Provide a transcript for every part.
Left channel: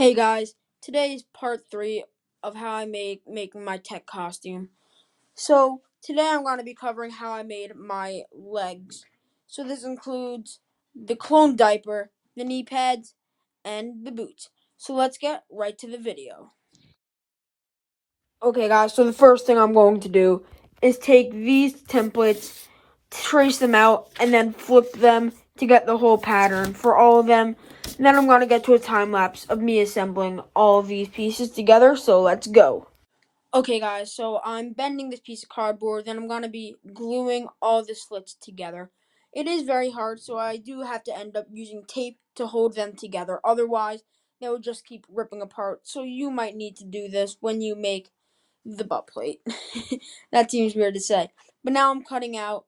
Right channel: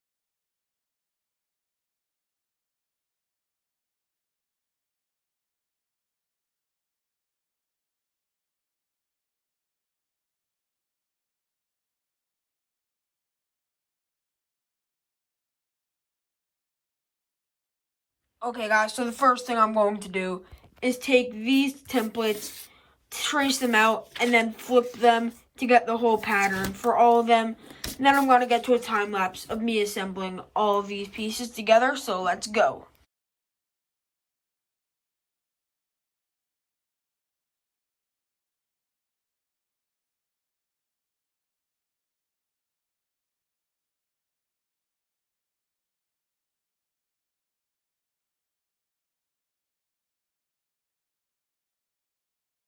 Hey guys, today is part 3 of how I made making my tech costume. So today I'm going to be covering how I made my legs. So this includes the clone diaper, the knee pads, and the boots. So let's get right to the video. Okay guys, so the first thing I'm going to do is take these templates, trace them out, and then flip them to get the whole pattern for all of them. And then I'm going to get to a time lapse of me assembling all of these pieces together, so let's go. Okay guys, so I'm bending this piece of cardboard, then I'm going to be gluing all the slits together. It is very hard, so I do have to end up using tape to hold them together. Otherwise, they will just keep ripping apart. So you might need to do this when you make the butt plate. That seems weird to say. But now I'm cutting out.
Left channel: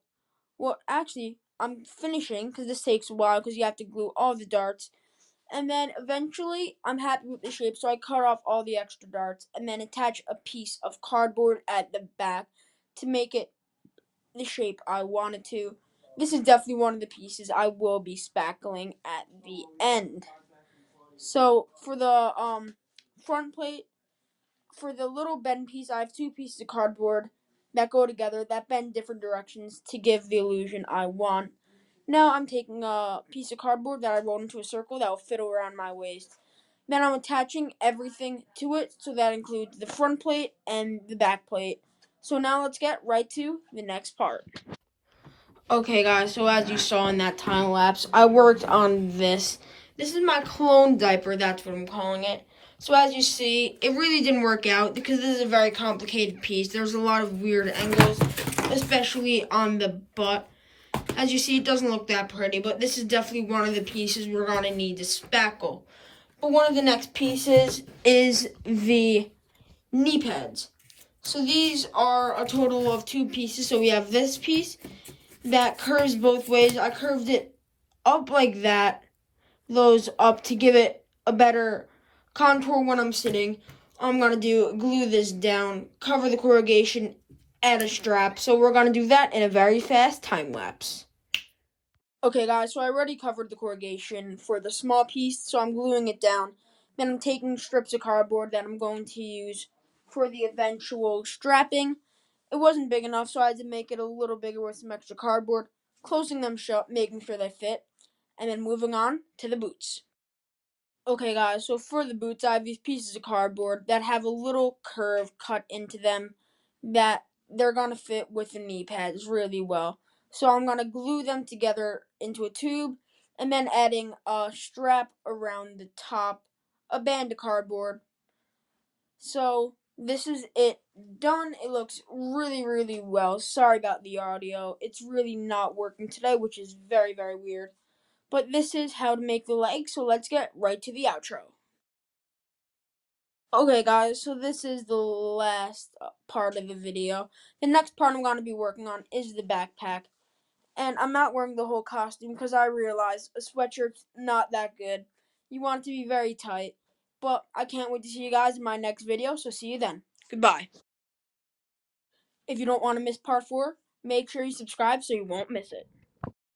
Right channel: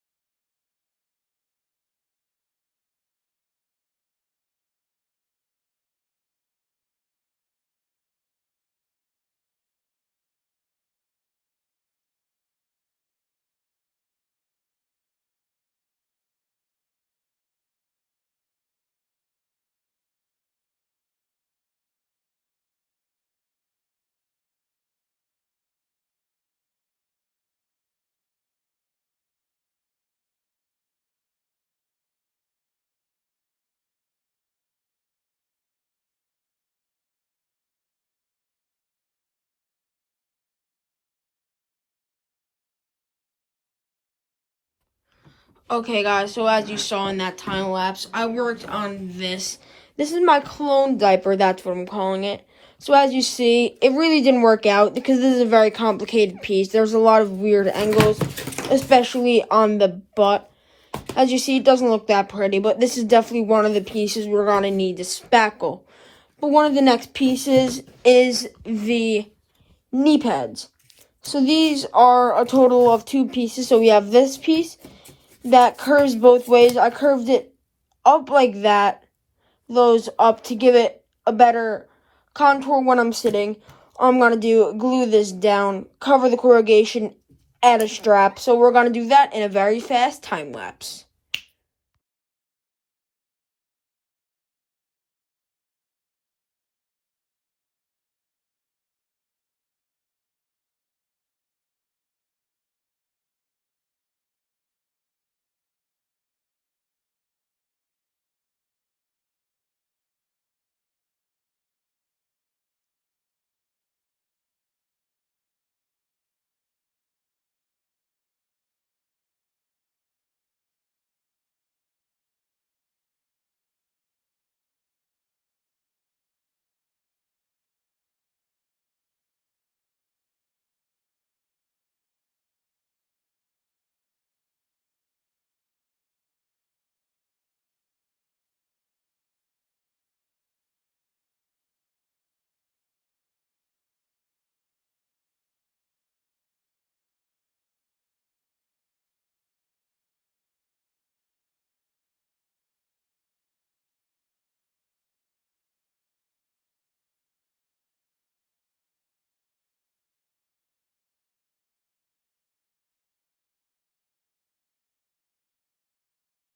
Well, actually, I'm finishing because this takes a while because you have to glue all the darts. And then eventually, I'm happy with the shape, so I cut off all the extra darts and then attach a piece of cardboard at the back to make it the shape I wanted to. This is definitely one of the pieces I will be spackling at the end. So for the front plate, for the little bend piece, I have two pieces of cardboard that go together that bend different directions to give the illusion I want. Now I'm taking a piece of cardboard that I rolled into a circle that will fit around my waist. Then I'm attaching everything to it, so that includes the front plate and the back plate. So now let's get right to the next part. Okay guys, so as you saw in that time lapse, I worked on this. This is my clone diaper, that's what I'm calling it. So as you see, it really didn't work out because this is a very complicated piece. There's a lot of weird angles, especially on the butt. As you see, it doesn't look that pretty, but this is definitely one of the pieces we're going to need to spackle. But one of the next pieces is the knee pads. So these are a total of 2 pieces. So we have this piece that curves both ways. I curved it up like that, those up to give it a better contour when I'm sitting. All I'm going to do, glue this down, cover the corrugation, add a strap. So we're going to do that in a very fast time lapse. Okay guys, so I already covered the corrugation for the small piece, so I'm gluing it down. Then I'm taking strips of cardboard that I'm going to use for the eventual strapping. It wasn't big enough, so I had to make it a little bigger with some extra cardboard, closing them shut, making sure they fit, and then moving on to the boots. Okay guys, so for the boots, I have these pieces of cardboard that have a little curve cut into them that they're going to fit with the knee pads really well. So I'm going to glue them together into a tube and then adding a strap around the top, a band of cardboard. So this is it done. It looks really, really well. Sorry about the audio. It's really not working today, which is very, very weird. But this is how to make the leg, so let's get right to the outro. Okay guys, so this is the last part of the video. The next part I'm going to be working on is the backpack. And I'm not wearing the whole costume because I realize a sweatshirt's not that good. You want it to be very tight. But I can't wait to see you guys in my next video, so see you then. Goodbye. If you don't want to miss part 4, make sure you subscribe so you won't miss it.